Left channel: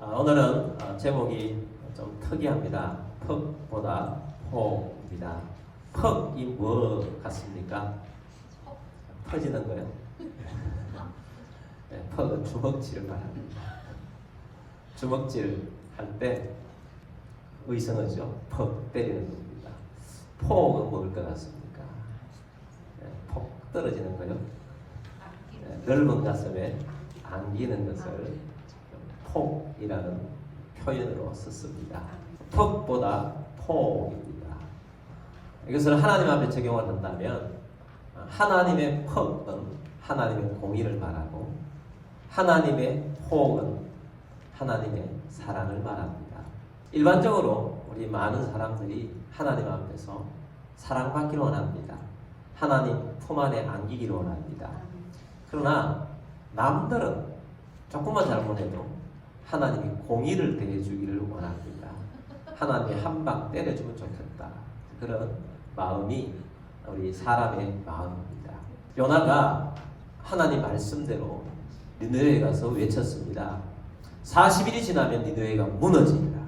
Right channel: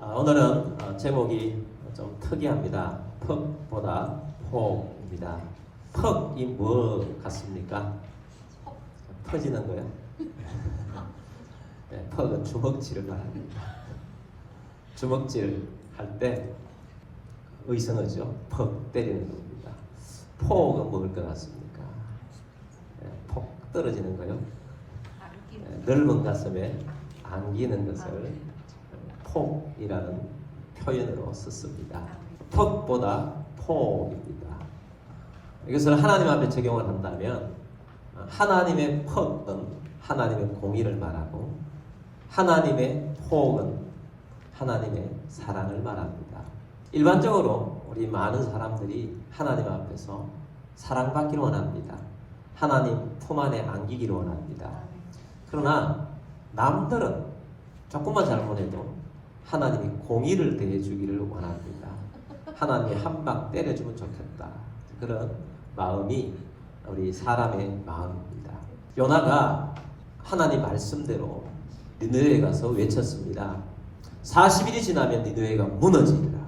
오늘은 제목이 좀 특이합니다. 퍽보다 폭입니다. 퍽이 뭐 같습니까? 퍼지는 거요? 네, 퍽은 주먹질을 말합니다. 주먹질 할 때 의성어죠. 퍽 때리는 겁니다. 폭은 뭘 것 같습니까? 네, 폭 떨어지는 거요. 네, 넓은 가슴에 안기는 것을 폭이라는 표현으로 썼습니다. 퍽보다 폭입니다. 이것을 하나님 앞에 적용을 한다면 하나님의 퍽은 하나님의 공의를 말하고 하나님의 폭은 하나님의 사랑을 말합니다. 일반적으로 우리 많은 사람들이 하나님 앞에서 사랑받기를 원합니다. 하나님 품 안에 안기기를 원합니다. 그러나 남들은 조금만 잘못해도 하나님이 공의를 대해주기를 원합니다. 하나님이 한 방 때려주면 좋겠다. 그런 마음이 우리 사람의 마음입니다. 요나가 하나님 말씀대로 니느웨에 가서 외쳤습니다. 40일이 지나면 니느웨가 무너지리라.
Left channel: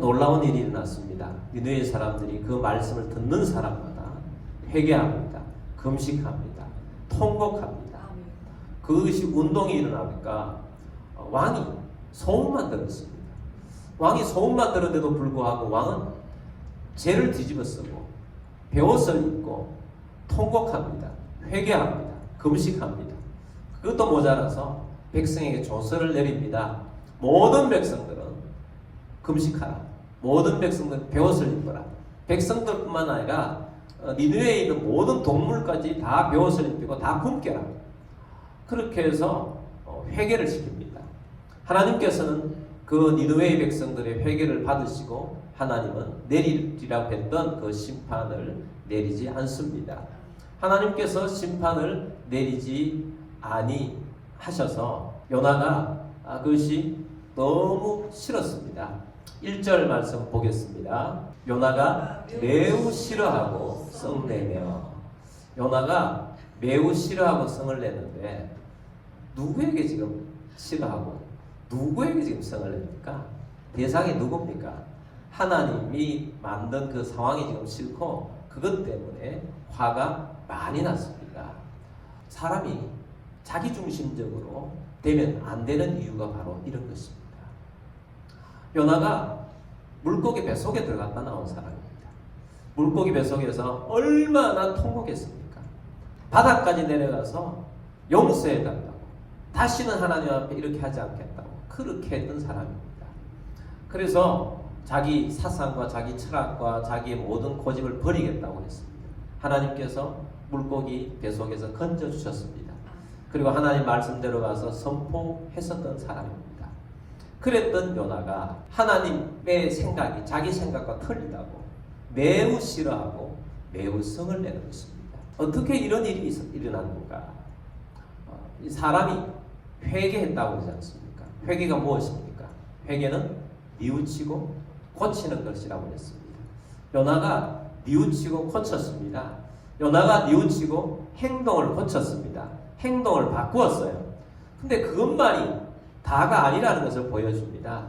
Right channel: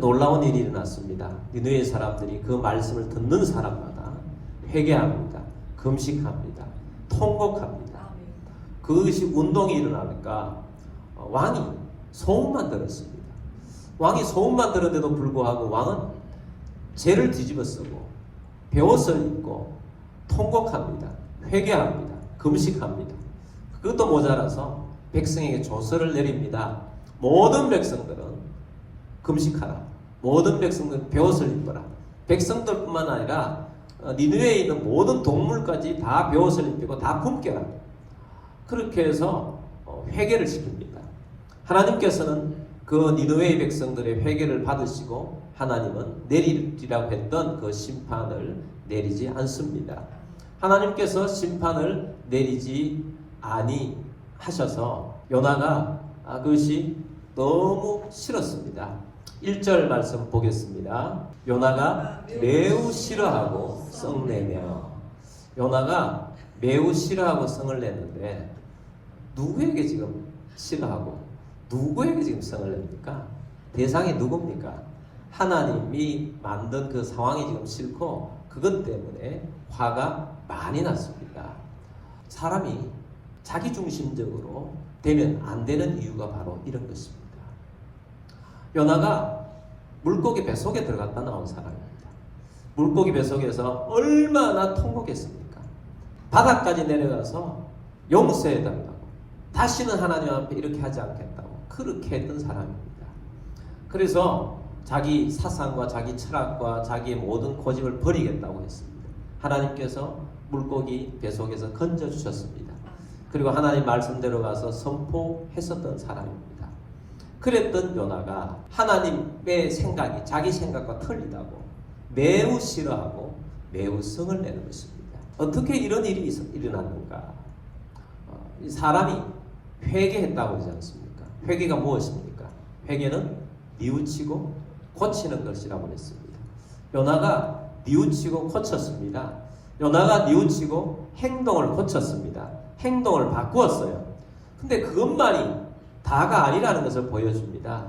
놀라운 일이 일어났습니다. 니느웨 사람들이 그 말씀을 듣는 사람마다 회개합니다. 금식합니다. 통곡합니다. 그것이 운동이 일어나니까 왕이 소문만 들었습니다. 왕이 소문만 들었는데도 불구하고 왕은 죄를 뒤집어 쓰고 베옷을 입고 통곡합니다. 회개합니다. 금식합니다. 그것도 모자라서 백성에게 조서를 내립니다. 모든 백성들은 금식하라. 모든 백성들은 베옷을 입어라. 백성들뿐만 아니라 니느웨에 있는 모든 동물까지 다 베옷을 입고 다 굶겨라. 그렇게 해서 회개를 시킵니다. 하나님께서는 그 니느웨 백성들의 회개를 받으시고 하나님은 내리리라고 했던 그 심판을 내리지 않습니다. 하나님께서 심판을 내리지 아니하셔서 요나가 그것이 너무 싫었습니다. 1절 말씀 보겠습니다. 요나가 매우 싫어하고 성내며 요나가 매우 싫어하고 성을 내는데 누구에게 지금 싫어하고 누구에게 지금 성을 냅니까? 대상이 누굽니까? 하나님이 만든 그 상황이 지금 싫고 그것 때문에 화가 많이 났습니다. 사람이 자기중심적으로 되면 안 되는 이유가 바로 이런 것입니다. 요나가 물고기 뱃속에 들어갔다 나온 사람입니다. 물고기 뱃속에서 얼마나 통곡했습니까? 바닥까지 내려가서 용서해달라고 다시는 하나님 앞에 이렇게 하지 않겠다고 그렇게 했던 사람입니다. 그래서 자기 사상과 자기 철학과 자기의 모든 고집을 버리겠다고 했습니다. 하나님께서 물고기 뱃속에서 건져주셨습니다. 그리고 하나님 말씀대로 가서 선포했었던 사람입니다. 그랬던 요나가 하나님의 생각이 자기 생각과 틀리다고 매우 싫어하고 매우 성을 내는 것입니다. 어떻게 이런 일이 일어난 건가? 이 사람이 회개했다고 하지 않습니까? 회개가 무엇입니까? 회개는 뉘우치고 고치는 것이라고 했습니다. 요나가 뉘우치고 고쳤습니다. 요나가 뉘우치고 행동을 고쳤습니다. 행동을 바꾸었어요. 근데 그것만이 다가 아니라는 것을 보여줍니다.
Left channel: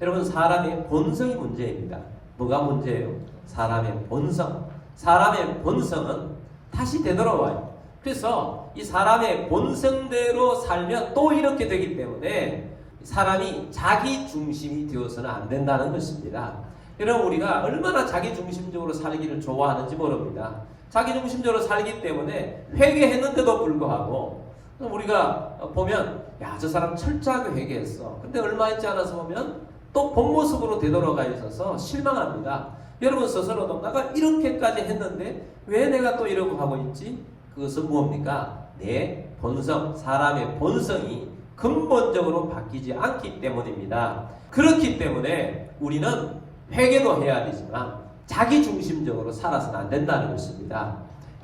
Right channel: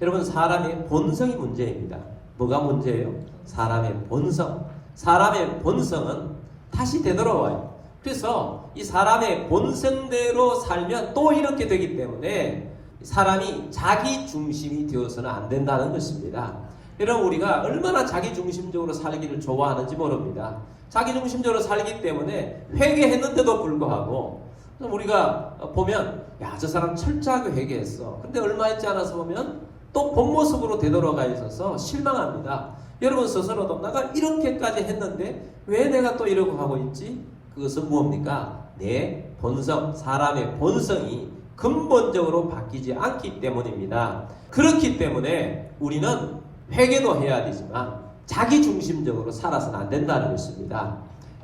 여러분, 사람의 본성이 문제입니다. 뭐가 문제예요? 사람의 본성. 사람의 본성은 다시 되돌아와요. 그래서 이 사람의 본성대로 살면 또 이렇게 되기 때문에 사람이 자기 중심이 되어서는 안 된다는 것입니다. 여러분, 우리가 얼마나 자기 중심적으로 살기를 좋아하는지 모릅니다. 자기 중심적으로 살기 때문에 회개했는데도 불구하고 우리가 보면 야, 저 사람 철저하게 회개했어. 근데 얼마 있지 않아서 보면 또 본 모습으로 되돌아가 있어서 실망합니다. 여러분 스스로도 내가 이렇게까지 했는데 왜 내가 또 이러고 하고 있지? 그것은 무엇입니까? 내 본성, 사람의 본성이 근본적으로 바뀌지 않기 때문입니다. 그렇기 때문에 우리는 회개도 해야 되지만 자기중심적으로 살아서는 안 된다는 것입니다.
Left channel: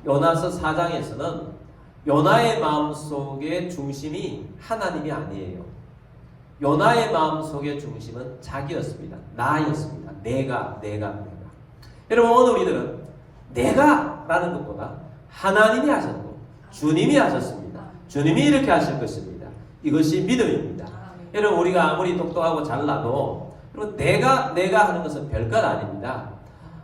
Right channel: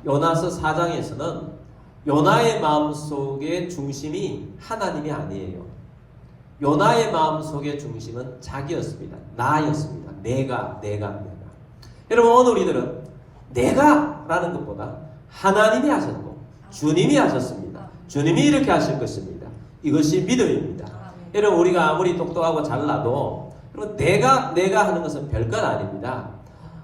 요나서 4장에서는 요나의 마음속의 중심이 하나님이 아니에요. 요나의 마음속의 중심은 자기였습니다. 나였습니다. 내가. 여러분, 오늘 우리들은 내가라는 것보다 하나님이 하셨고 주님이 하셨습니다. 주님이 이렇게 하실 것입니다. 이것이 믿음입니다. 여러분 우리가 아무리 똑똑하고 잘나도 내가 하는 것은 별것 아닙니다.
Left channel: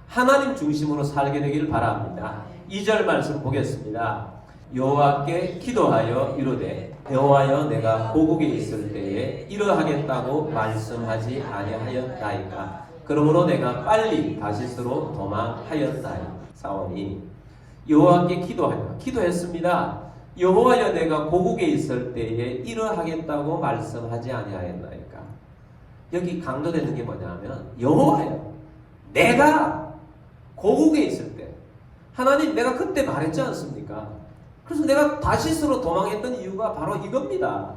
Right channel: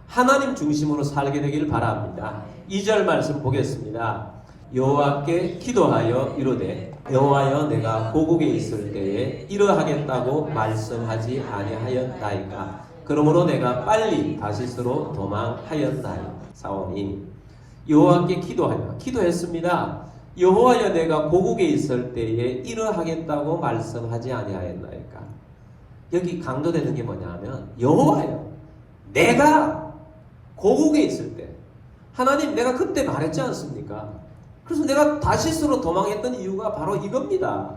하나님 중심으로 살게 되길 바랍니다. 2절 말씀 보겠습니다. 여호와께 기도하여 이르되 여호와여 내가 고국에 있을 때에 이러하겠다고 말씀하지 아니하였나이까. 그러므로 내가 빨리 다시스로 도망하였사오니. 여호와께 기도했습니다. 여호와여 내가 고국에 있을 때에 이러하겠다고 말씀하지 아니하였나이까. 여기 강조되는 게 뭐냐면 여호와여 내가 고국에 있을 때 하나님 내가 그때 말했지 않습니까? 그래서 내가 다시스로 도망했던 이유가 바로 이겁니다.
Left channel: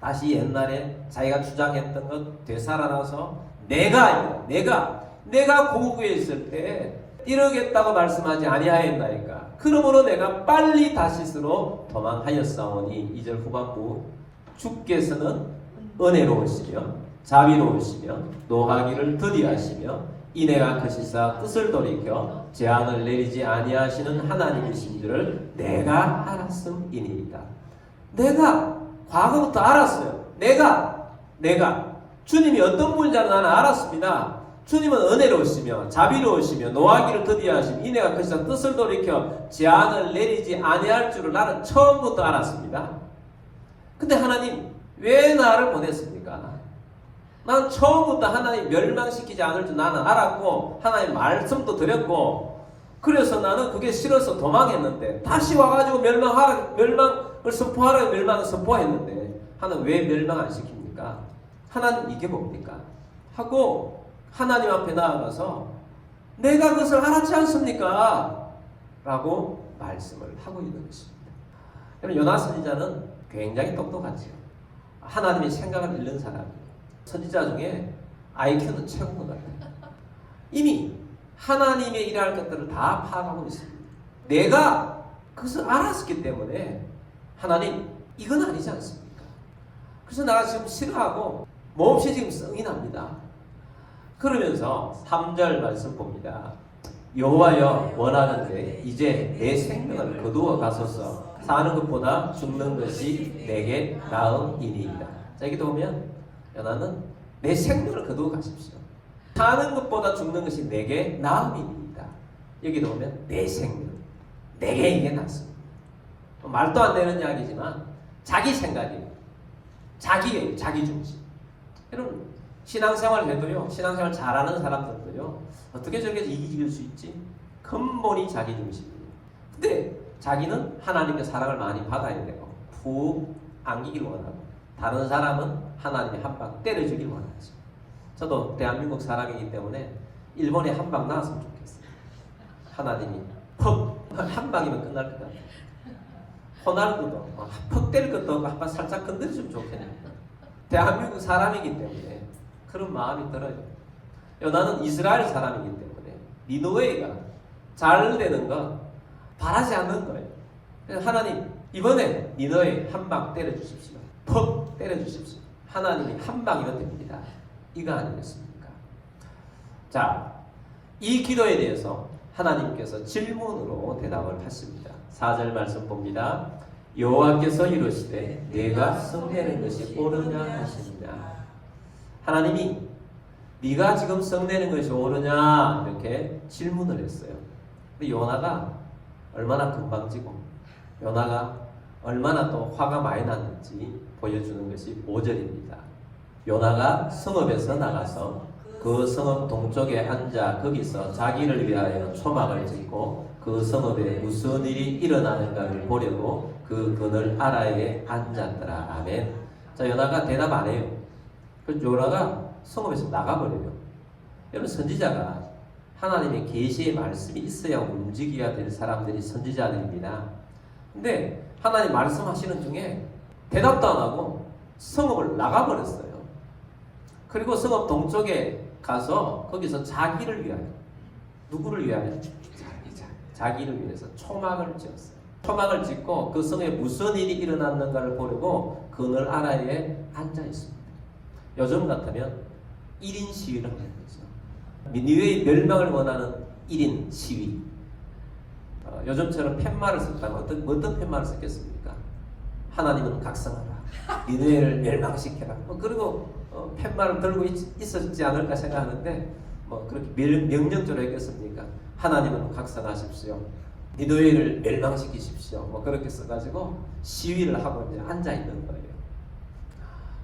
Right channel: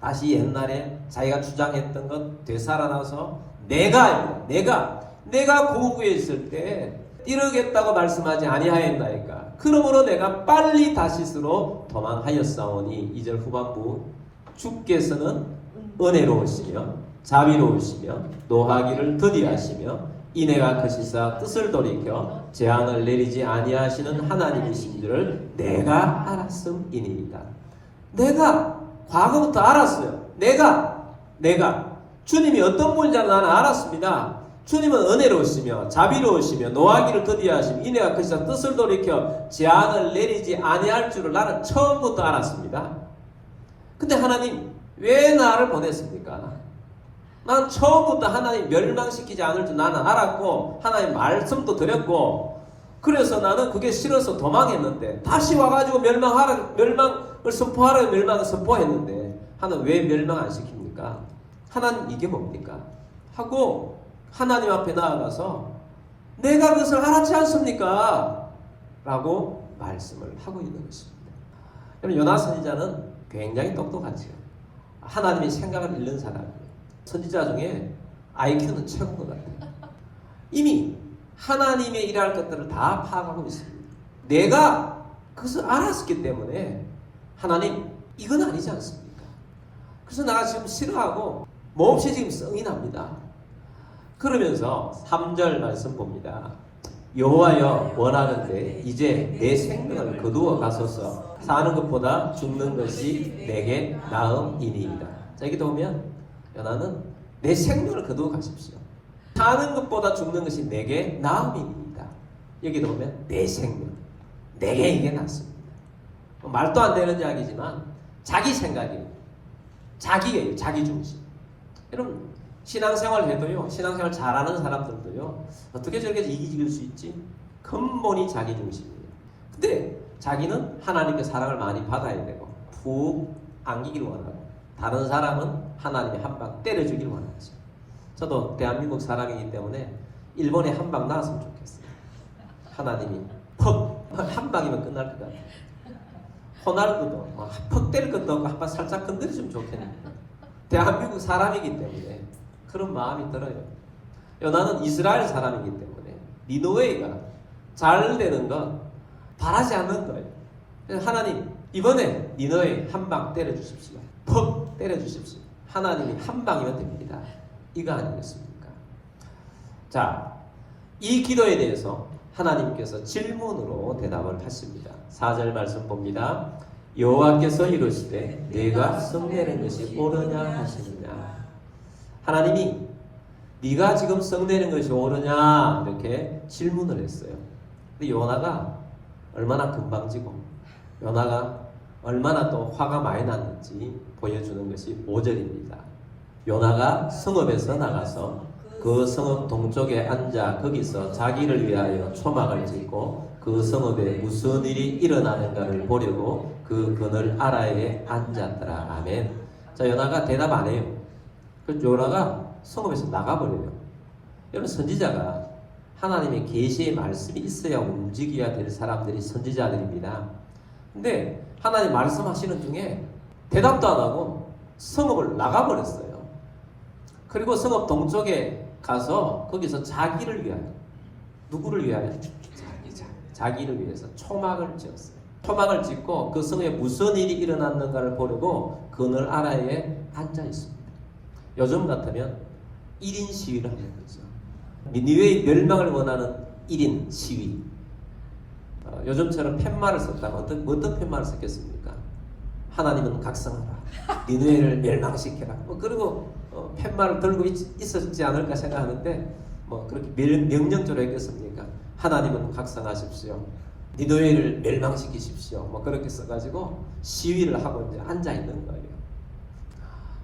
다시 옛날에 자기가 주장했던 것 되살아나서 내가 고국에 있을 때 이러겠다고 말씀하지 아니하였나이까. 그러므로 내가 빨리 다시스로 도망하였사오니. 2절 후반부 주께서는 은혜로우시며 자비로우시며 노하기를 더디하시며 이내가 크시사 뜻을 돌이켜 재앙을 내리지 아니하시는 하나님이신 줄을 내가 알았음이니이다. 내가 과거부터 알았어요. 내가 주님이 어떤 분인지 나는 알았습니다. 주님은 은혜로우시며 자비로우시며 노하기를 더디하시며 이내가 크시사 뜻을 돌이켜 재앙을 내리지 아니할 줄을 나는 처음부터 알았습니다. 근데 하나님 왜 나를 보냈습니까? 난 처음부터 하나님 멸망시키지 않을 줄 나는 알았고 하나님 말씀도 드렸고 그래서 나는 그게 싫어서 도망했는데 다시 와가지고 멸망을 선포하라고 멸망을 선포했는데 하나님 왜 멸망 안 시킵니까? 하나님 이게 뭡니까? 하고 하나님 앞에 나아가서 내가 그것을 알았지 않습니까? 라고 말씀을 하고 있는 것입니다. 여러분 요나 선지자는 굉장히 똑똑하죠. 하나님의 생각을 읽는 사람이에요. 선지자 중에 IQ는 최고인 것 같아요. 이미 하나님의 일할 것들을 다 파악하고 있습니다. 내가 그것을 알았기 때문에 하나님 이건 아니지 않습니까? 그래서 내가 지금 싫어하고 몹시 지금 성이 납니다. 그러면서 3절 말씀 봅니다. 여호와여 원하는데 이제 내 생명을 거두어 가소서. 사는 것보다 죽는 것이 내게 나음이니이다. 자 여기 보면 요나는 내 생명을 거두어 가십시오. 사는 것보다 죽는 것이 내게 나음이니이다. 여기도 보면 내 생명, 내게 이게 낫습니다. 말도 안 되는 이야기지만 자기 생각이에요. 자기예요. 자기 중심. 여러분 신앙생활 해도요. 신앙생활 잘하는 사람들도요. 어떻게 저렇게 이기질 수 있지? 근본이 자기 중심이에요. 근데 자기는 하나님의 사랑을 많이 받아야 되고 푹 안기길 원하고 다른 사람은 하나님의 한 방 때려주길 원하죠. 저도 대한민국 사람이기 때문에 일본에 한 방 나왔으면 좋겠어요. 하나님이 한 방이면 끝날 것 같아요. 호날두도 퍽 때릴 것도 없고 한 방 살짝 건드려주면 좋겠네요. 대한민국 사람이기 때문에 그런 마음이 들어요. 나는 이스라엘 사람이기 때문에 니느웨가 잘 되는 건 바라지 않는 거예요. 그래서 하나님 이번에 니느웨 한 방 때려주십시오. 퍽 때려주십시오. 하나님이 한 방이면 됩니다. 이거 아니겠습니까? 자, 이 기도에 대해서 하나님께서 질문으로 대답을 하십니다. 4절 말씀 봅니다. 여호와께서 이르시되 네가 성내는 것이 옳으냐 하시느냐. 하나님이 네가 지금 성내는 것이 옳으냐 이렇게 질문을 했어요. 근데 요나가 얼마나 건방지고 요나가 얼마나 또 화가 많이 났는지 보여주는 것이 5절입니다. 요나가 성읍에서 나가서 그 성읍 동쪽에 앉아 거기서 자기를 위하여 초막을 짓고 그 성읍에 무슨 일이 일어나는가를 보려고 그 그늘 아래에 앉았더라. 아멘. 자, 요나가 대답 안 해요. 그 요나가 성읍에서 나가버려요. 여러분 선지자가 하나님의 계시의 말씀이 있어야 움직여야 될 사람들이 선지자들입니다. 근데 하나님 말씀하시는 중에 대답도 안 하고 성읍을 나가버렸어요. 그리고 성읍 동쪽에 가서 거기서 자기를 위하여 누구를 위하여? 자기를 위해서 초막을 지었어요. 초막을 짓고 그 성에 무슨 일이 일어났는가를 보려고 그늘 아래에 앉아 있습니다. 요즘 같으면 1인 시위를 하는 거죠. 니느웨의 멸망을 원하는 1인 시위. 요즘처럼 팻말을 썼다면 어떤 팻말을 썼겠습니까? 하나님은 각성하라. 니네를 멸망시켜라. 뭐 그리고 팻말을 들고 있었지 않을까 생각하는데 뭐 그렇게 명령적으로 했겠습니까? 하나님은 각성하십시오. 니네를 멸망시키십시오. 뭐 그렇게 써가지고 시위를 하고 이제 앉아 있는 거예요.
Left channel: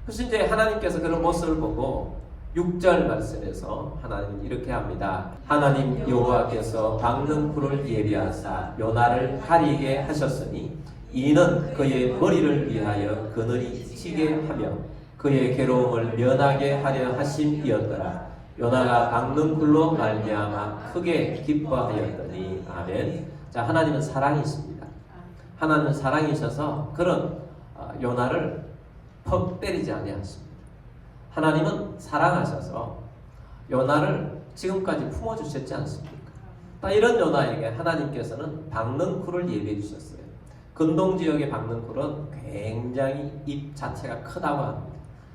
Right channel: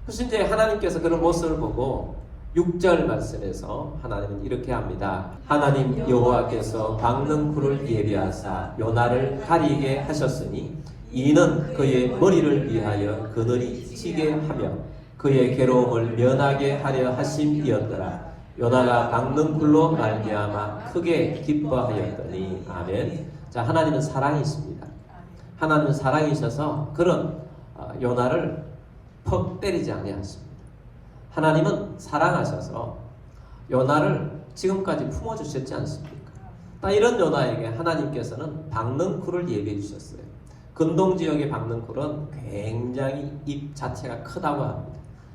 그래서 이제 하나님께서 그런 모습을 보고 6절 말씀에서 하나님은 이렇게 합니다. 하나님 여호와께서 박는 굴을 예비하사 요나를 가리게 하셨으니 이는 그의 머리를 위하여 그늘이 지게 하며 그의 괴로움을 면하게 하려 하심이었더라. 요나가 박는 굴로 말미암아 크게 기뻐하였더니 아멘. 자, 하나님은 사랑이십니다. 하나님은 사랑이셔서 그런 요나를 퍽 때리지 아니하십니다. 하나님은 사랑하셔서 요나를 지금까지 품어주셨지 않습니까? 이런 요나에게 하나님께서는 박는 굴을 예비해 주셨어요. 근동지역의 박는 굴은 굉장히 입 자체가 크다고 합니다.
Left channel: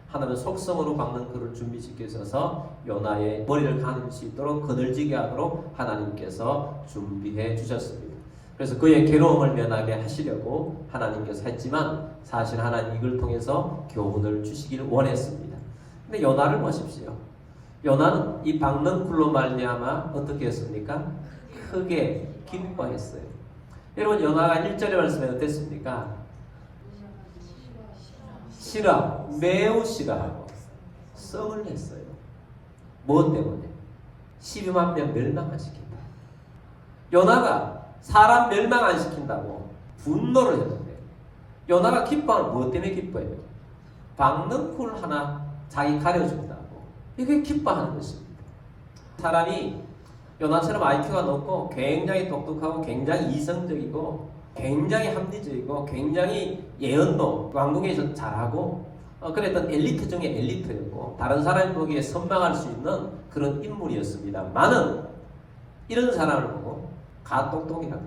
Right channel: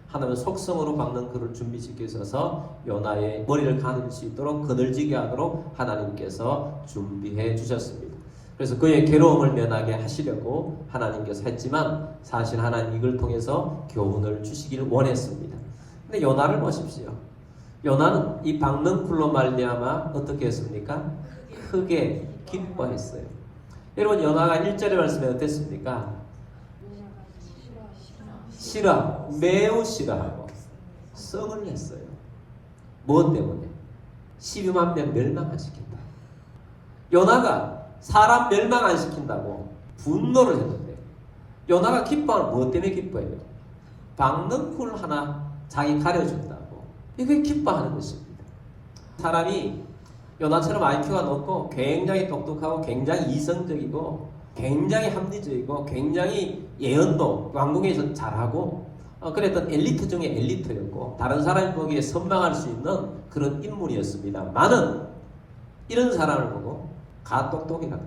하나님은 속성으로 박는 굴을 준비시키셔서 요나의 머리를 가릴 수 있도록 그늘지게 하도록 하나님께서 준비해 주셨습니다. 그래서 그의 괴로움을 면하게 하시려고 하나님께서 했지만 사실 하나님 이걸 통해서 교훈을 주시기를 원했습니다. 근데 요나를 보십시오. 요나는 이 박는 굴로 말미암아 어떻게 했습니까? 크게 기뻐했어요. 여러분 요나가 1절의 말씀에 어땠습니까? 싫어, 매우 싫어하고 썩을 냈어요. 무엇 때문에? 12만 명 멸망 안 시킨다. 요나가 사람 멸망 안 시킨다고 분노를 했는데 요나가 기뻐하는 무엇 때문에 기뻐해요? 박는 굴 하나 자기 가려준다고. 이게 기뻐하는 것입니다. 사람이 요나처럼 IQ가 높고 굉장히 똑똑하고 굉장히 이성적이고 굉장히 합리적이고 굉장히 예언도 왕궁에서 잘하고 그랬던 엘리트 중에 엘리트였고 다른 사람이 보기에 선망할 수 있는 그런 인물이었습니다. 많은 이런 사람을 보고 가똑똑이라는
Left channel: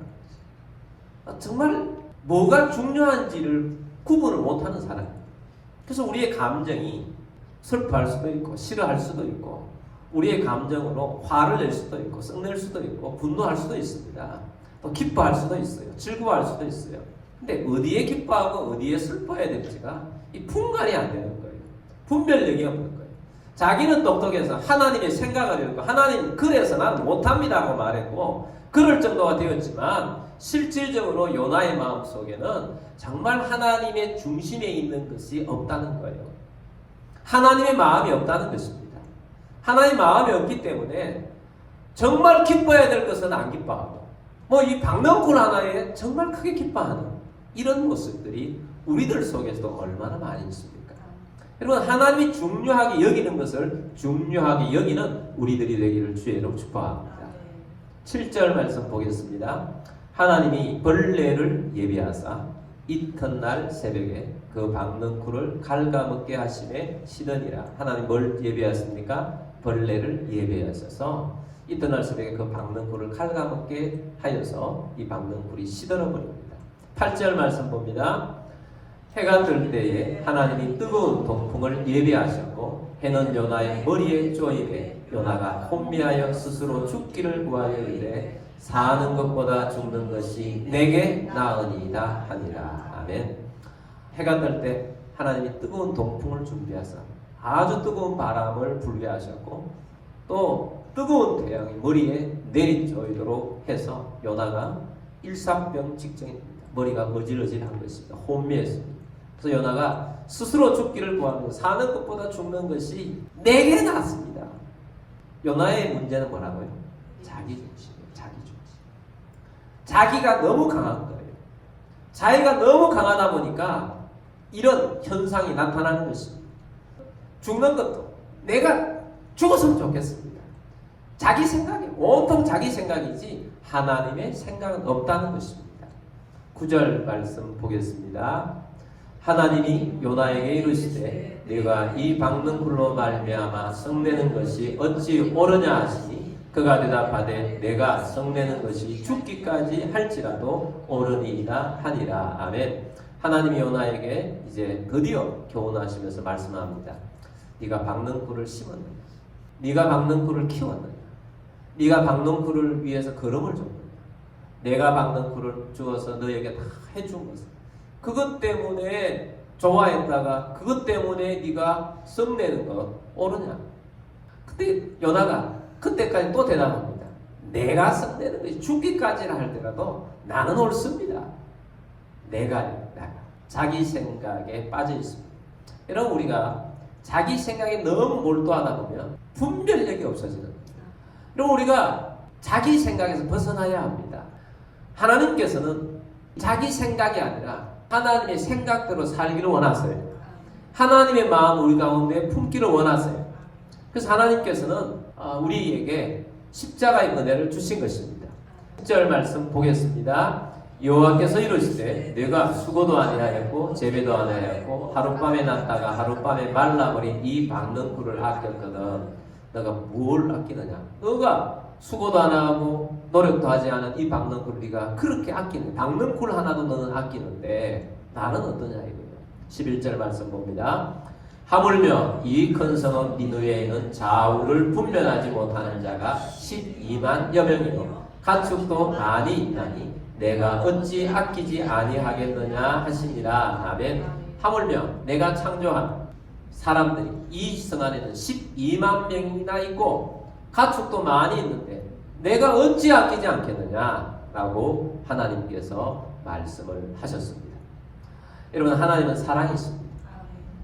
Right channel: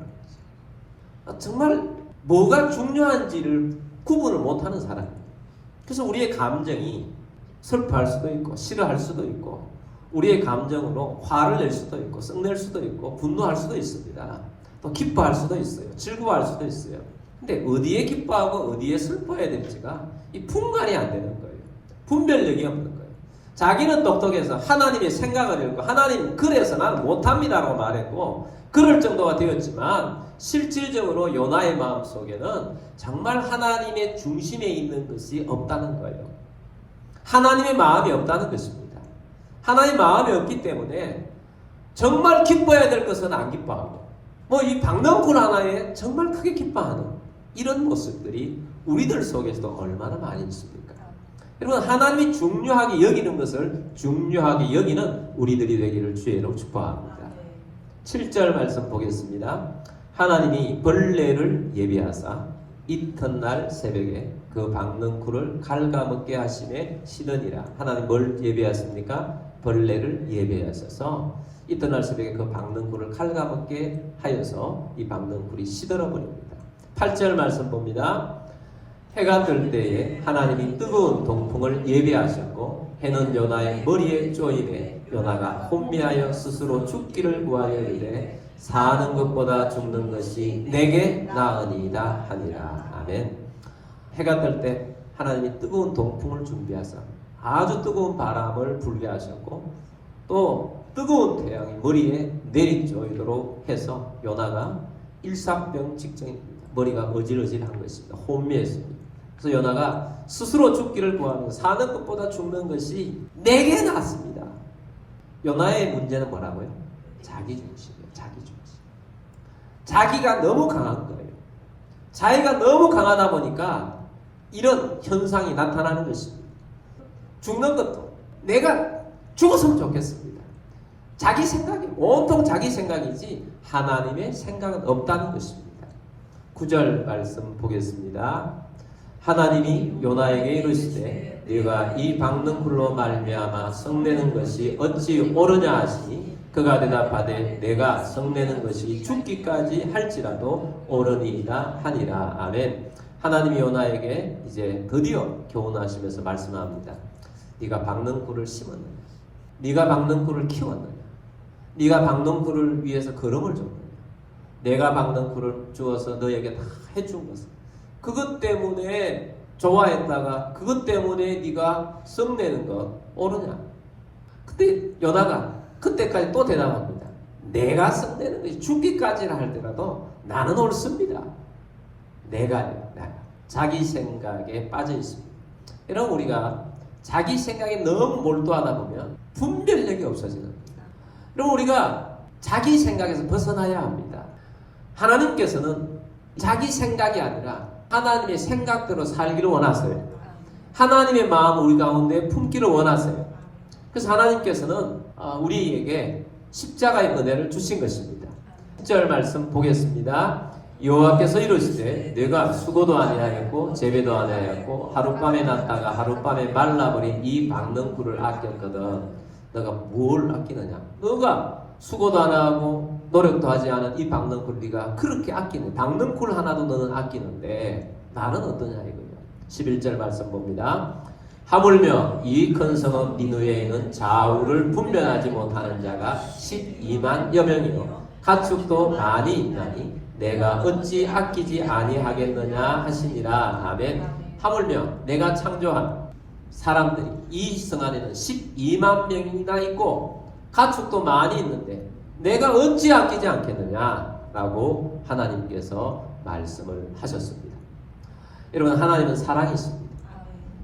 거죠. 정말 뭐가 중요한지를 구분을 못하는 사람이에요. 그래서 우리의 감정이 슬퍼할 수도 있고 싫어할 수도 있고 우리의 감정으로 화를 낼 수도 있고 썩낼 수도 있고 분노할 수도 있습니다. 또 기뻐할 수도 있어요. 즐거워할 수도 있어요. 근데 어디에 기뻐하고 어디에 슬퍼해야 될지가 이 분간이 안 되는 거예요. 분별력이 없는 거예요. 자기는 똑똑해서 하나님의 생각을 읽고 하나님 그래서 나는 못합니다라고 말했고 그럴 정도가 되었지만 실질적으로 요나의 마음속에는 정말 하나님의 중심에 있는 것이 없다는 거예요. 하나님의 마음이 없다는 것입니다. 하나님의 마음이 없기 때문에 정말 기뻐해야 될 것은 안 기뻐하고 이 박명꾼 하나에 정말 크게 기뻐하는 이런 모습들이 우리들 속에서도 얼마나 많이 있습니까? 여러분 하나님이 중요하게 여기는 것을 중요하게 여기는 우리들이 되기를 주의 이름으로 축복합니다. 7절 말씀 보겠습니다. 하나님이 벌레를 예비하사 이튿날 새벽에 그 박는 굴을 갉아먹게 하심에 시더니라. 하나님 뭘 예비하십니까? 벌레를 예비하셔서 이튿날 새벽에 그 박는 굴을 갉아먹게 하여서 이 박는 굴이 시들어 버립니다. 8절 말씀 봅니다. 해가 뜰 때에 하나님이 뜨거운 동풍을 예비하셨고 해는 요나의 머리에 쪼이되 요나가 혼미하여 스스로 죽기를 구하여 이르되 사는 것보다 죽는 것이 내게 나으니이다 하니라. 아멘. 해가 뜰 때 하나님이 뜨거운 동풍을 준비하사 아주 뜨거운 바람을 불게 하셨고 또 뜨거운 태양이 머리에 내리쪼이도록 해서 요나가 일사병 직전입니다. 머리가 어질어질한 것입니다. 혼미했습니다. 그래서 요나가 스스로 죽기를 구하면 사는 것보다 죽는 것이 내게 낫습니다. 요나의 문제는 뭐라고요? 자기 중심이에요. 자기 중심. 자기가 너무 강한 거예요. 자기가 너무 강하다 보니까 이런 현상이 나타나는 것입니다. 죽는 것도 내가 죽었으면 좋겠습니다. 자기 생각이 온통 자기 생각이지 하나님의 생각은 없다는 것입니다. 9절 말씀 보겠습니다. 하나님이 요나에게 이르시되 네가 이 박는 굴로 말미암아 성내는 것이 어찌 옳으냐 하시니 그가 대답하되 내가 성내는 것이 죽기까지 할지라도 옳으니이다 하니라. 아멘. 하나님이 요나에게 이제 드디어 교훈하시면서 말씀합니다. 네가 박는 굴을 심었느냐? 네가 박는 굴을 키웠느냐? 네가 박는 굴을 위해서 걸음을 줬느냐? 내가 박는 굴을 주어서 너에게 다 해준 것은 그것 때문에 좋아했다가 그것 때문에 네가 성내는 것 옳으냐? 근데 요나가 그때까지 또 대답합니다. 내가 성내는 것이 죽기까지라 할지라도 나는 옳습니다. 내가 아닙니다. 자기 생각에 빠져 있습니다. 여러분, 우리가 자기 생각에 너무 몰두하다 보면 분별력이 없어지는 겁니다. 그럼 우리가 자기 생각에서 벗어나야 합니다. 하나님께서는 자기 생각이 아니라 하나님의 생각대로 살기를 원하세요. 하나님의 마음 우리 가운데 품기를 원하세요. 그래서 하나님께서는 우리에게 십자가의 은혜를 주신 것입니다. 10절 말씀 보겠습니다. 여호와께서 이르시되 네가 수고도 아니하였고 재배도 아니하였고 하룻밤에 났다가 하룻밤에 말라버린 이 박는 꿀을 아꼈거든 너가 뭘 아끼느냐? 너가 수고도 안 하고 노력도 하지 않은 이 박는 꿀 네가 그렇게 아끼는, 박는 꿀 하나도 너는 아끼는데 나는 어떠냐 이거예요. 11절 말씀 봅니다. 하물며 이 큰 성읍 니느웨에는 좌우를 분별하지 못하는 자가 12만여 명이요 가축도 많이 있나니 내가 어찌 아끼지 아니하겠느냐 하시니라. 아멘. 하물며 내가 창조한 사람들이 이 성 안에는 12만 명이나 있고 가축도 많이 있는데 내가 어찌 아끼지 않겠느냐 라고 하나님께서 말씀을 하셨습니다. 여러분, 하나님은 사랑이십니다.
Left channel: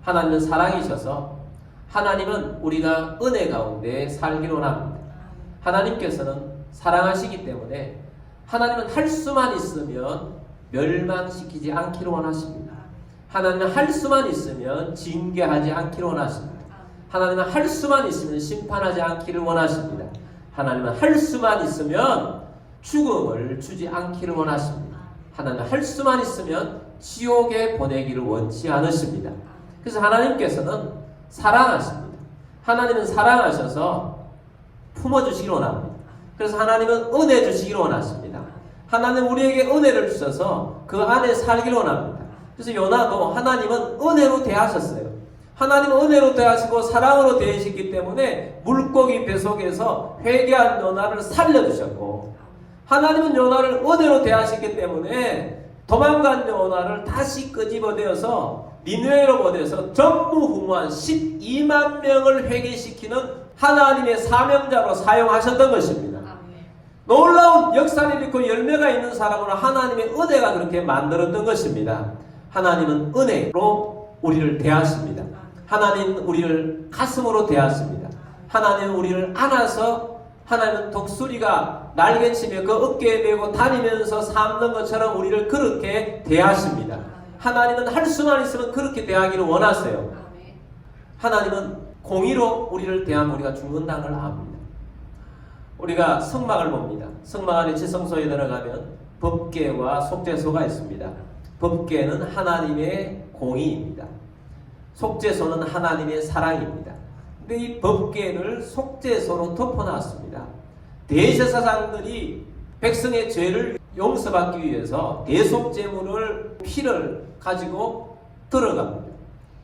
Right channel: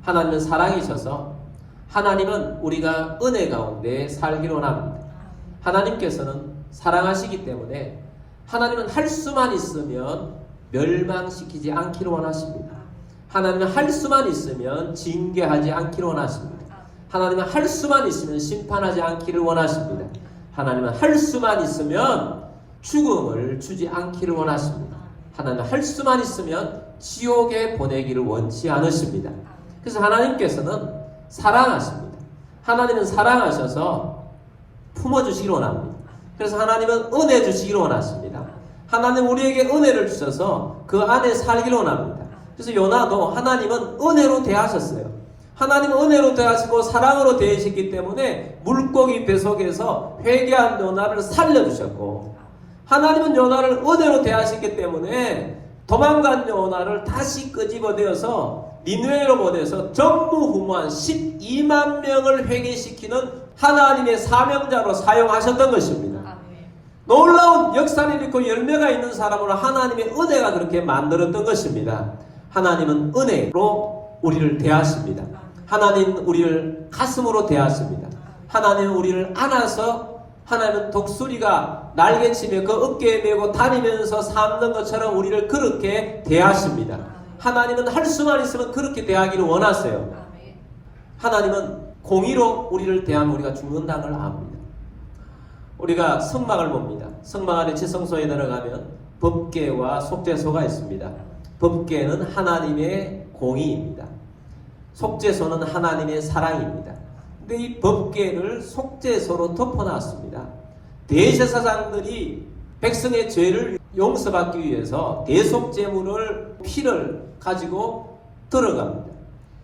하나님은 사랑이셔서 하나님은 우리가 은혜 가운데 살기를 원합니다. 하나님께서는 사랑하시기 때문에 하나님은 할 수만 있으면 멸망시키지 않기를 원하십니다. 하나님은 할 수만 있으면 징계하지 않기를 원하십니다. 하나님은 할 수만 있으면 심판하지 않기를 원하십니다. 하나님은 할 수만 있으면 죽음을 주지 않기를 원하십니다. 하나님은 할 수만 있으면 지옥에 보내기를 원치 않으십니다. 그래서 하나님께서는 사랑하십니다. 하나님은 사랑하셔서 품어주시기를 원합니다. 그래서 하나님은 은혜 주시기를 원하십니다. 하나님은 우리에게 은혜를 주셔서 그 안에 살기를 원합니다. 그래서 요나도 하나님은 은혜로 대하셨어요. 하나님은 은혜로 대하시고 사랑으로 대하시기 때문에 물고기 뱃속에서 회개한 요나를 살려주셨고, 하나님은 요나를 은혜로 대하시기 때문에 도망간 요나를 다시 끄집어내어서 니느웨로 보내서 전무후무한 12만 명을 회개시키는 하나님의 사명자로 사용하셨던 것입니다. 놀라운 역사를 일으키고 열매가 있는 사람으로 하나님의 은혜가 그렇게 만들었던 것입니다. 하나님은 은혜로 우리를 대하십니다. 하나님은 우리를 가슴으로 대하십니다. 하나님은 우리를 안아서, 하나님은 독수리가 날개치며 그 어깨에 메고 다니면서 삼는 것처럼 우리를 그렇게 대하십니다. 하나님은 할 수만 있으면 그렇게 대하기를 원하세요. 하나님은 공의로 우리를 대하면 우리가 죽는다는 걸 압니다. 우리가 성막을 봅니다. 성막 안에 지성소에 들어가면 법궤와 속죄소가 있습니다. 법궤는 하나님의 공의입니다. 속죄소는 하나님의 사랑입니다. 근데 이 법궤를 속죄소로 덮어놨습니다. 대제사장들이 백성의 죄를 용서받기 위해서 대속제물을 피를 가지고 들어갑니다.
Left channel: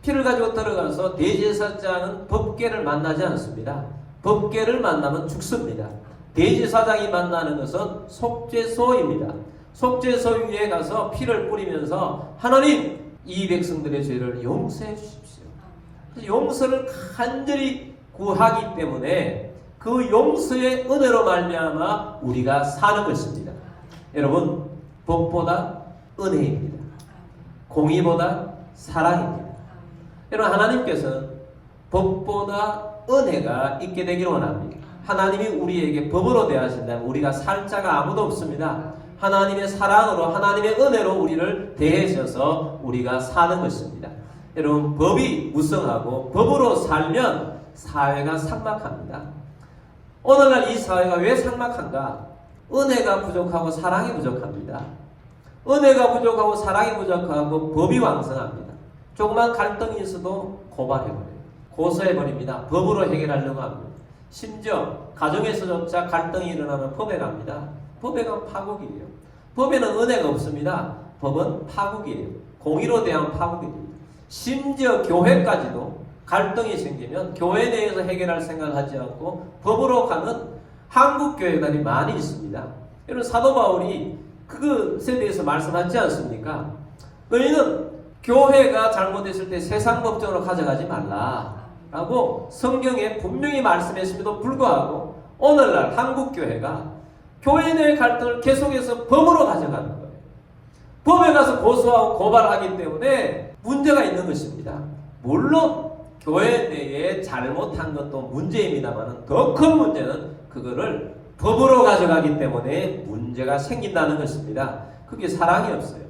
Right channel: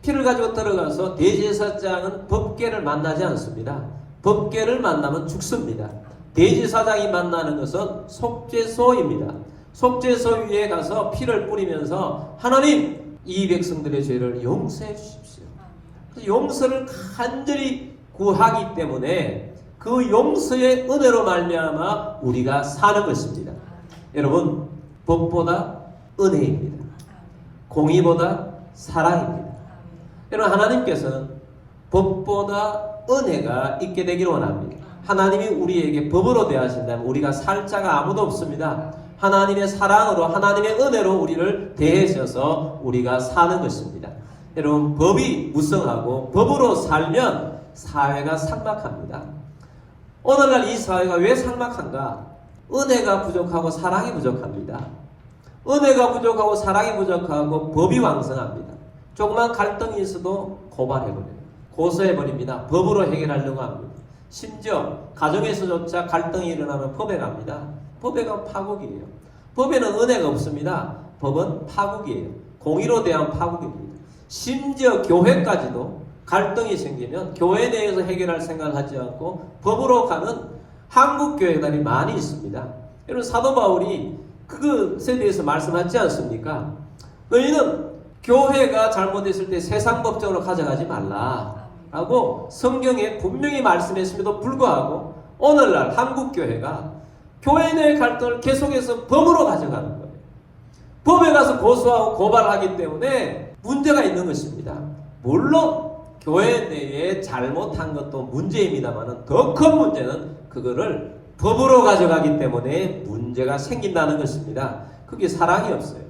피를 가지고 들어가서 대제사장은 법궤를 만나지 않습니다. 법궤를 만나면 죽습니다. 대제사장이 만나는 것은 속죄소입니다. 속죄소 위에 가서 피를 뿌리면서 하나님, 이 백성들의 죄를 용서해 주십시오. 용서를 간절히 구하기 때문에 그 용서의 은혜로 말미암아 우리가 사는 것입니다. 여러분, 법보다 은혜입니다. 공의보다 사랑입니다. 여러분, 하나님께서는 법보다 은혜가 있게 되기를 원합니다. 하나님이 우리에게 법으로 대하신다면 우리가 살 자가 아무도 없습니다. 하나님의 사랑으로, 하나님의 은혜로 우리를 대해주셔서 우리가 사는 것입니다. 여러분, 법이 무성하고 법으로 살면 사회가 삭막합니다. 오늘날 이 사회가 왜 삭막한가? 은혜가 부족하고 사랑이 부족합니다. 은혜가 부족하고 사랑이 부족하고 법이 왕성합니다. 조그만 갈등이 있어도 고발해버립니다. 고소해버립니다. 법으로 해결하려고 합니다. 심지어 가정에서조차 갈등이 일어나면 법에 갑니다. 법에 가면 파국이에요. 법에는 은혜가 없습니다. 법은 파국이에요. 공의로 대한 파국입니다. 심지어 교회까지도 갈등이 생기면 교회 내에서 해결할 생각을 하지 않고 법으로 가는 한국 교회들이 많이 있습니다. 여러분, 사도 바울이 그것에 대해서 말씀하지 않습니까? 너희는 교회가 잘못했을 때 세상 법정으로 가져가지 말라라고 성경에 분명히 말씀했음에도 불구하고 오늘날 한국교회가 교회 내 갈등을 계속해서 법으로 가져가는 거예요. 법에 가서 고소하고 고발하기 때문에 문제가 있는 것입니다. 물론 교회 내에 잘못한 것도 문제입니다만 더 큰 문제는 그거를 법으로 가져가기 때문에 문제가 생긴다는 것입니다. 그게 사랑이 없어요.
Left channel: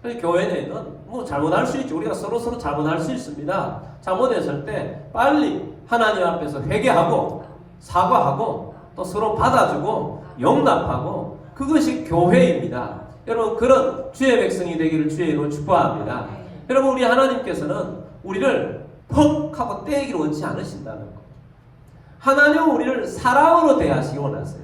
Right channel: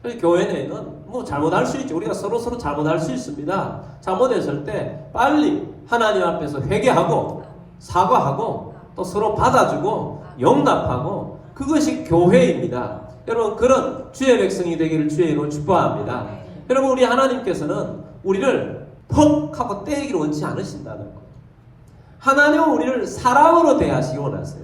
그래서 교회 내에는 뭐 잘못할 수 있죠. 우리가 서로 잘못할 수 있습니다. 잘못했을 때 빨리 하나님 앞에서 회개하고 사과하고 또 서로 받아주고 용납하고 그것이 교회입니다. 여러분 그런 주의 백성이 되기를 주의 이름으로 축복합니다. 여러분 우리 하나님께서는 우리를 퍽 하고 때리기를 원치 않으신다는 거. 하나님은 우리를 사랑으로 대하시기 원하세요.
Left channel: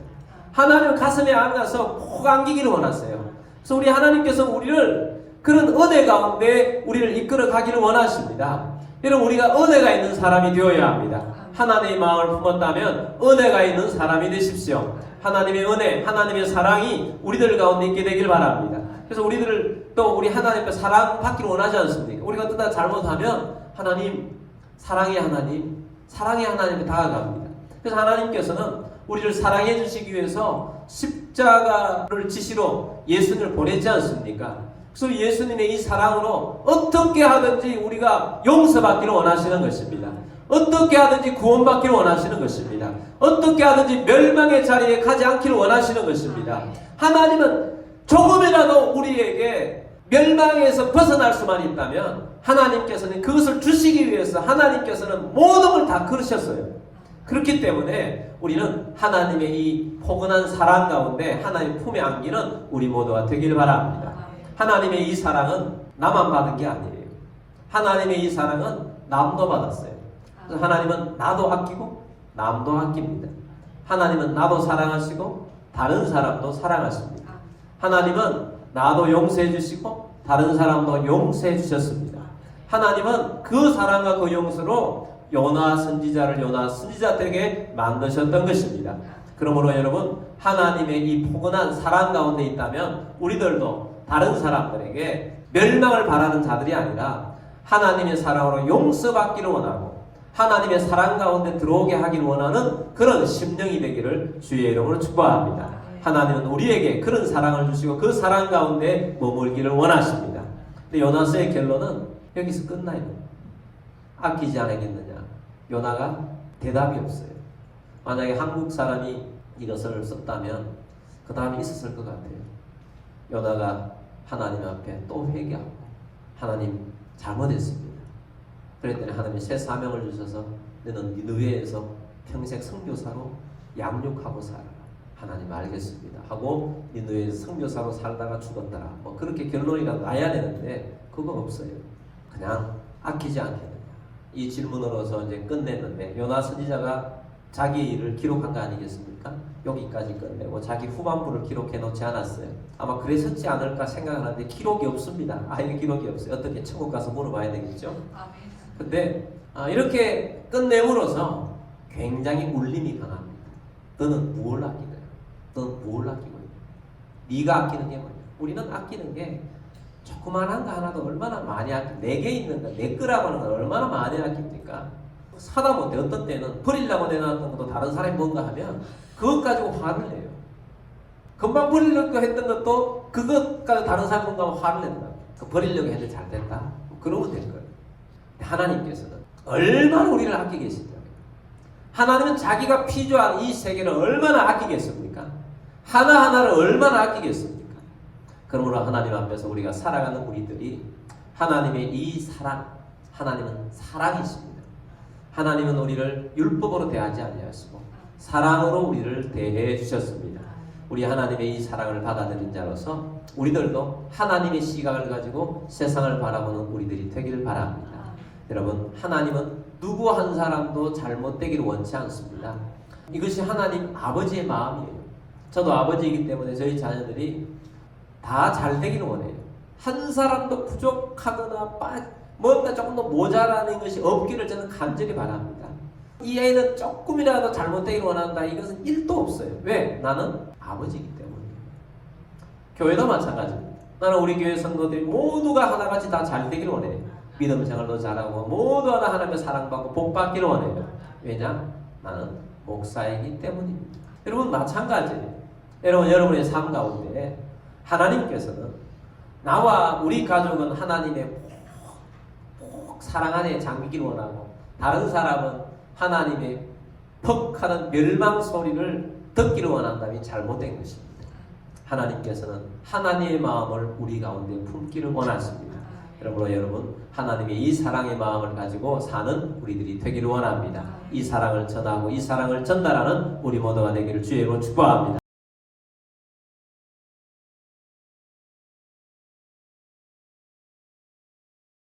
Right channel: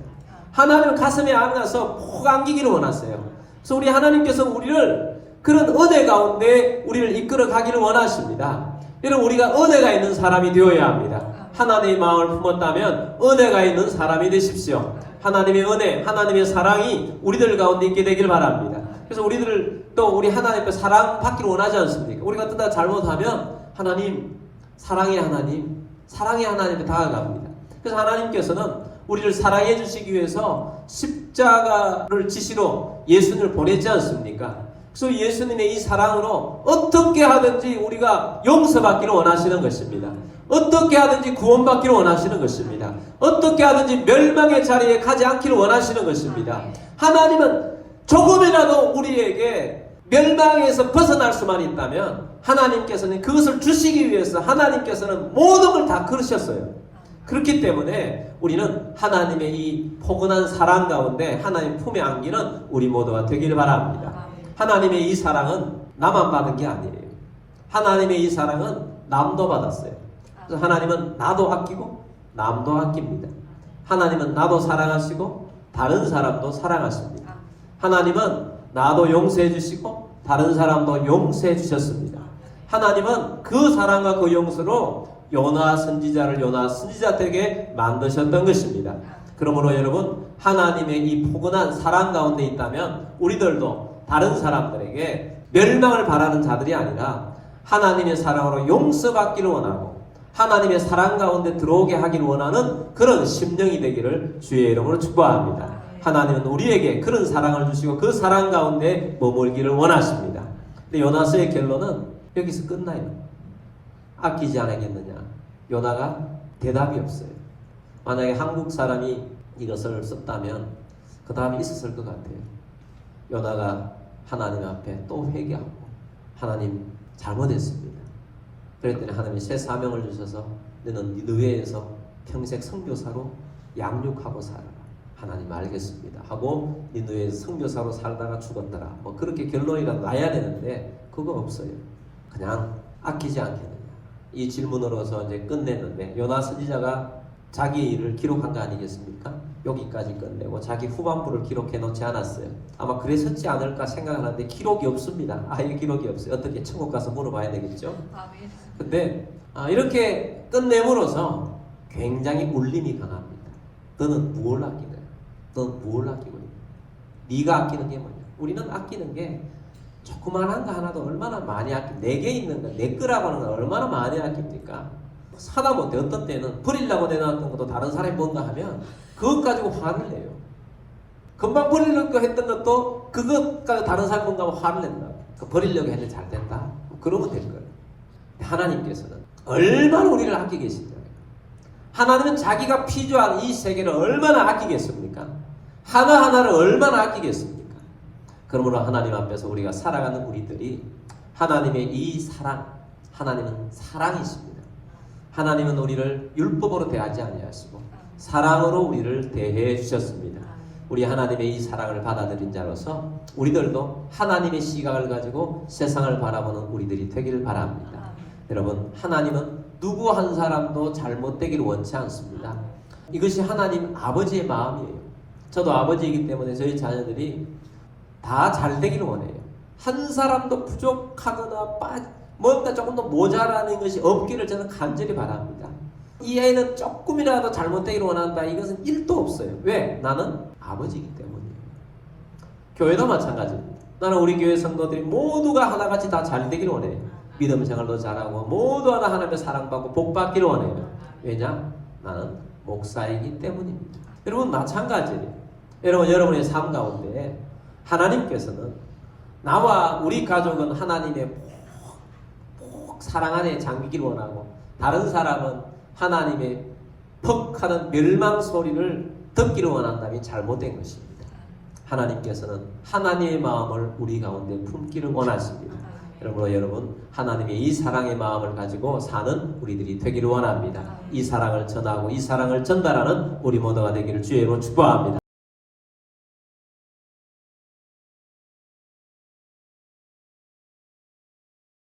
하나님은 가슴에 안아서 꼭 안기기를 원하세요. 그래서 우리 하나님께서 우리를 그런 은혜 가운데 우리를 이끌어 가기를 원하십니다. 여러분 우리가 은혜가 있는 사람이 되어야 합니다. 하나님의 마음을 품었다면 은혜가 있는 사람이 되십시오. 하나님의 은혜, 하나님의 사랑이 우리들 가운데 있게 되길 바랍니다. 그래서 우리들 또 우리 하나님께 사랑받기를 원하지 않습니까? 우리가 뜨다 잘못하면 하나님, 사랑의 하나님, 사랑의 하나님에 다가갑니다. 그래서 하나님께서는 우리를 사랑해 주시기 위해서 십자가를 지시로 예수님을 보냈지 않습니까? 그래서 예수님의 이 사랑으로 어떻게 하든지 우리가 용서받기를 원하시는 것입니다. 어떻게 하든지 구원받기를 원하시는 것입니다. 어떻게 하든지 멸망의 자리에 가지 않기를 원하시는 것입니다. 하나님은 조금이라도 우리에게 멸망에서 벗어날 수만 있다면 하나님께서는 그것을 주시기 위해서 하나님께서는 모든 걸 다 그러셨어요. 그렇기 때문에 우리는 하나님의 이 포근한 사랑 가운데 하나님 품에 안기는 우리 모두가 되길 바랍니다. 하나님의 이 사랑은 나만 받은 게 아니에요. 하나님의 이 사랑은 남도 받았어요. 그래서 하나님은 나도 아끼고 남도 아낍니다. 하나님은 나도 사랑하시고 다른 사람도 사랑하십니다. 하나님은 나도 용서해 주시고 다른 사람도 용서해 주셨습니다. 하나님은 그 사랑과 그 용서로 요나 선지자를 요나 선지자 되게 만드셨던 것입니다. 그러므로 여러분 하나님의 이 포근한 사랑 가운데 있다면 우리들도 다른 사람들에게 멸망을 바라는 자들이 아니라 하나님의 사랑으로 용서받기를 원하고 하나님의 사랑 가운데 들어오게 하기를 원하는 그런 심령이 되기를 주의 이름으로 축복합니다. 하나님은 우리에게 그런 사랑을 주시고 그 사랑 가운데 머물기를 원하십니다. 근데 요나서의 결론은 여기서 끝나요. 아끼지 않겠느냐. 요나가 대답이 없어요. 만약에 한국 사람이 이것을 썼다면 그 다음에 있었을 것 같아요. 요나가 하나님 앞에 또 회개하고 하나님 잘못했습니다. 그랬더니 하나님이 새 사명을 주셔서 너는 니느웨에서 평생 선교사로 양육하고 살아라. 하나님 알겠습니다 하고 니느웨에서 선교사로 살다가 죽었더라. 뭐 그렇게 결론이가 나야 되는데 그거 없어요. 그냥 아끼지 않겠느냐. 이 질문으로서 이제 끝냈는데 요나 선지자가 자기 일을 기록한 거 아니겠습니까? 여기까지 끝내고 자기 후반부를 기록해 놓지 않았어요. 아마 그랬었지 않을까 생각하는데 기록이 없습니다. 아예 기록이 없어요. 어떻게 천국 가서 물어봐야 되겠죠? 근데 이렇게 끝내므로서 굉장히 울림이 강합니다. 너는 무엇을 아끼느냐? 너는 무엇을 아끼느냐? 네가 아끼는 게 뭐냐? 우리는 아끼는 게 조그만한 거 하나도 얼마나 많이 내게 있는 거, 내 거라고 하는 거 얼마나 많이 아낍니까? 사다 못해. 어떤 때는 버리려고 내놨던 것도 다른 사람이 뭔가 하면 그것 가지고 화를 내요. 금방 버리려고 했던 것도 그것 가지고 다른 사람이 뭔가 하면 화를 낸다. 버리려고 해도 잘 된다. 그러면 될 거예요. 하나님께서는 얼마나 우리를 아끼고 계신가. 하나님은 자기가 피조한 이 세계를 얼마나 아끼겠습니까? 하나하나를 얼마나 아끼겠습니까? 그러므로 하나님 앞에서 우리가 살아가는 우리들이 하나님의 이 사랑, 하나님은 사랑이십니다. 하나님은 우리를 율법으로 대하지 아니하시고 사랑으로 우리를 대해 주셨습니다. 우리 하나님의 이 사랑을 받아들인 자로서 우리들도 하나님의 시각을 가지고 세상을 바라보는 우리들이 되기를 바랍니다. 여러분, 하나님은 누구 한 사람도 잘못되기를 원치 않습니다. 이것이 하나님 아버지의 마음이에요. 저도 아버지이기 때문에 저희 자녀들이 다 잘되기를 원해요. 한 사람도 부족하거나 뭔가 조금 더 모자라는 것이 없기를 저는 간절히 바랍니다. 이 아이는 조금이라도 잘못되기를 원한다. 이것은 1도 없어요. 왜? 나는 아버지이기 때문이에요. 교회도 마찬가지입니다. 나는 우리 교회 성도들이 모두가 하나같이 다 잘 되기를 원해요. 믿음 생활도 잘하고 모두 하나 하나님의 사랑받고 복 받기를 원해요. 왜냐? 나는 목사이기 때문입니다. 여러분 마찬가지예요. 여러분의 삶 가운데 하나님께서는 나와 우리 가족은 하나님의 꼭 사랑 안에 잠기기를 원하고 다른 사람은 하나님의 퍽 하는 멸망 소리를 듣기를 원한다면 잘못된 것입니다. 하나님께서는 하나님의 마음을 우리 가운데 품기를 원하십니다. 여러분 하나님의 이 사랑의 마음을 가지고 사는 우리들이 되기를 원합니다. 이 사랑을 전하고 이 사랑을 전달하는 우리 모두가 되기를 주의 이름으로 축복합니다.